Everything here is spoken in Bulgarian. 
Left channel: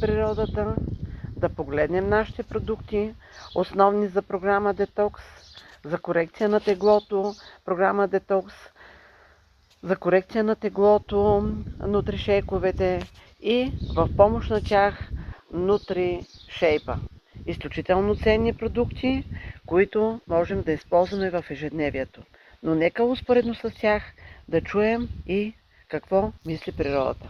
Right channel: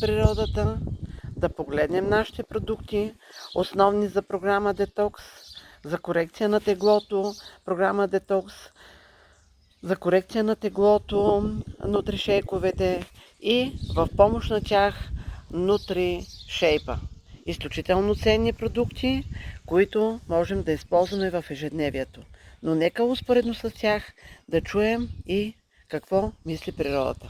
природата, да погледнем нашите продукти, основни за програма Детокс, за корекция на теглото, програма Детокс, за корекция на теглото, нутришейковете и в помощ на тях нутришейпа. Изключително ценни продукти, които можем да използваме в ежедневието. Но нека успоредно с тях да чуем и какво мисли природата.